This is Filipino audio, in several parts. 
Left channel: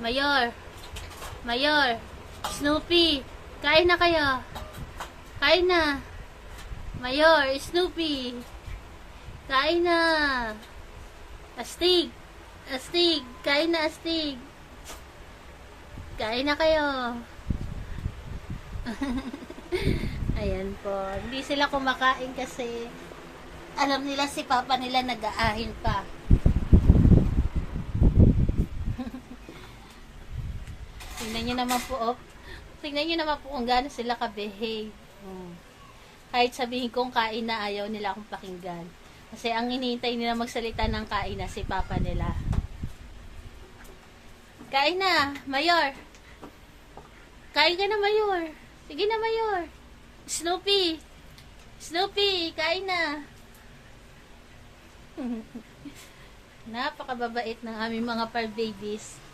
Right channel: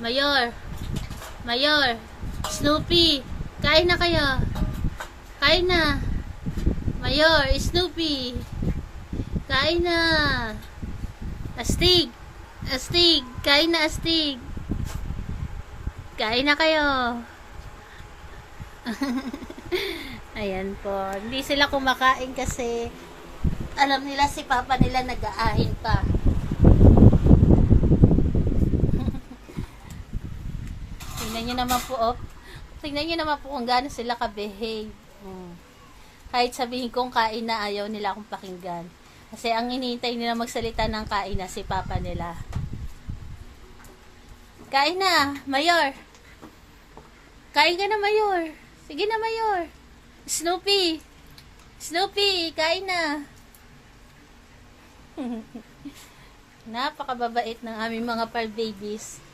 Mayor. Mayor. Snoopy. Kain na kayo. Kain na. Mayor, Snoopy. Kain na. Astig. Astig. Kain na, Astig. Kain na kayo. Ayan po. Hindi sila kumakain kasi alam nila si Papa nila nag-aahin pa. Tingnan nyo naman po, oh. Tingnan nyo naman po kung gaano sila ka-behave. Mm. Kahit sabihin kong kain na, ayaw nila akong pakinggan. Kasi ang hinihintay nila magsalita ng kain na si Papa nila. Kain na, Mayor. Kain ka na, Mayor. Sige na, Mayor. Snoopy. Snoopy, kain na. Napakababait ng aming mga par babies.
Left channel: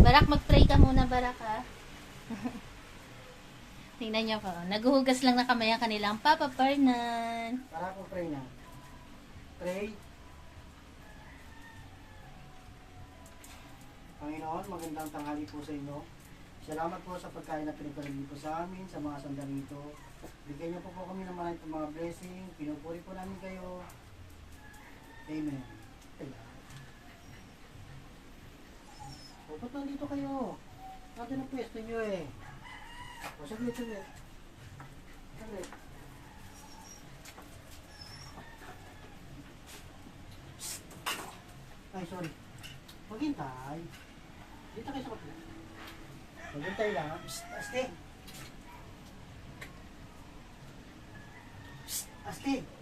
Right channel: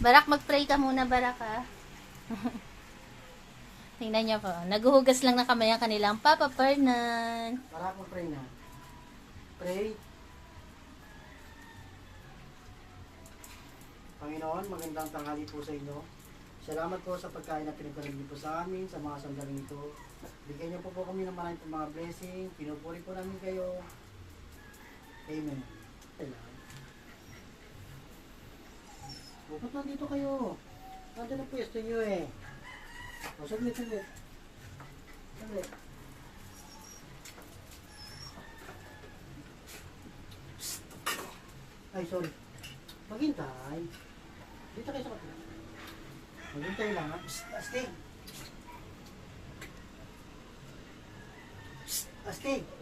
Barak, mag-pray ka muna, Barak, ha? Tingnan niyo po. Naguhugas lang na kamay ang kanilang Papa Fernan. Para akong pray na. Pray. Panginoon, magandang tanghali po sa inyo. Salamat po sa pagkain na pinagkaroon niyo po sa amin, sa mga sandaling ito. Bigyan niyo po po kami ng maraming mga blessing. Pinupuri po namin kayo. Amen. Kaya. O, ba't nandito kayo? Nandito na pwesto niyo eh. O, saglit, saglit. Saglit. Ay, sorry. Maghintay. Dito kayo sa kapila. Maghintay lang. ha? Psst, Asti. Psst, Asti.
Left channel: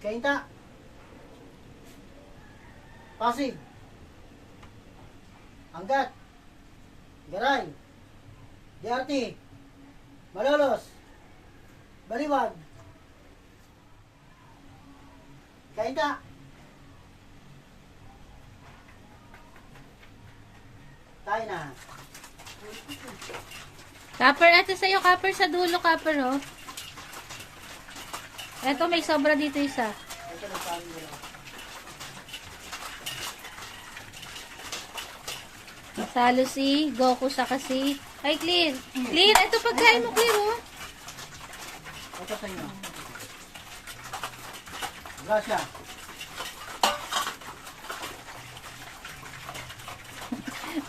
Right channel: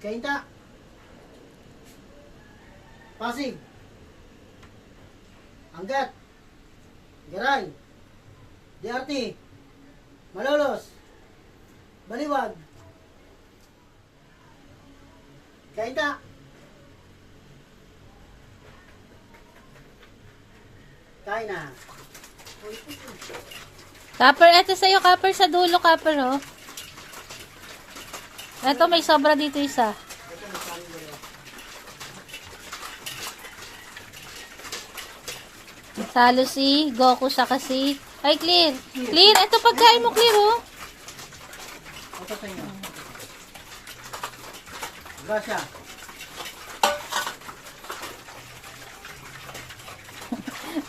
Kainta. Pasig. Anggat. Garay. Diarti. Malolos. Baliwag. Kainta. Tayo na. Copper, eto sa'yo, Copper, sa dulo, Copper, oh. Eto, may sobra dito isa. Ito. Talo si Goku sa kasi. Ay, Clear. Clear, eto pagkain mo, Clear, oh. Ito sa inyo. Gracia.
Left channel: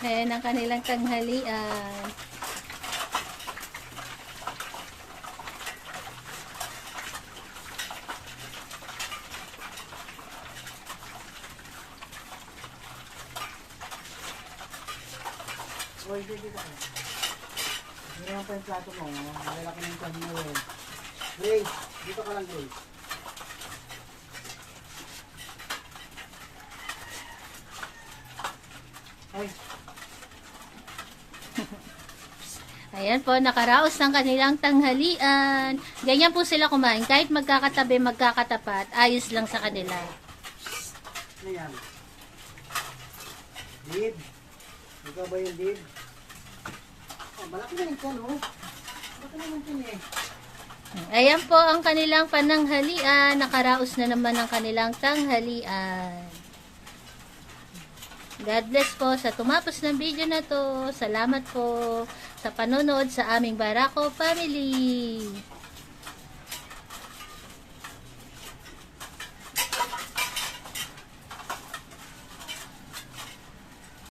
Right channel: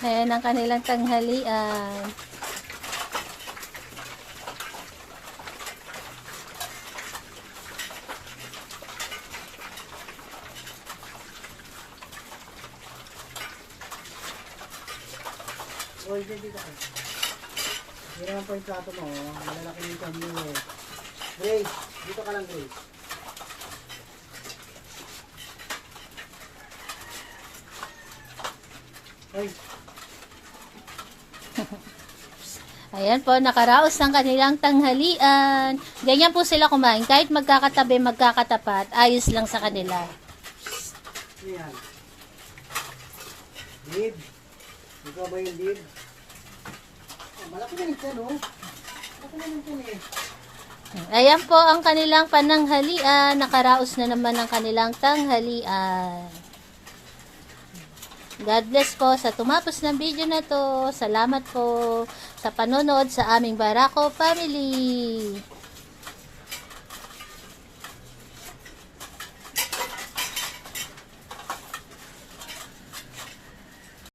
Ayan ang kanilang tanghalian. Oy, dito dito. Hindi naman po yung plato mo. oh. Malalaki ng tiyan mo eh. Grace, dito ka lang Grace. Ay, Ayan po, nakaraos ng kanilang tanghalian. Ganyan po sila kumain. Kahit magkakatabi, magkakatapat, ayos lang sa kanila. ano yan? Dib. Ikaw ba yung dib? Malaki na yan, oh. Malaki na yan eh. Ayan po ang kanilang pananghalian. Nakaraos na naman ang kanilang tanghalian. God bless po sa tumapos ng video na to. Salamat po sa panonood sa aming Barako family.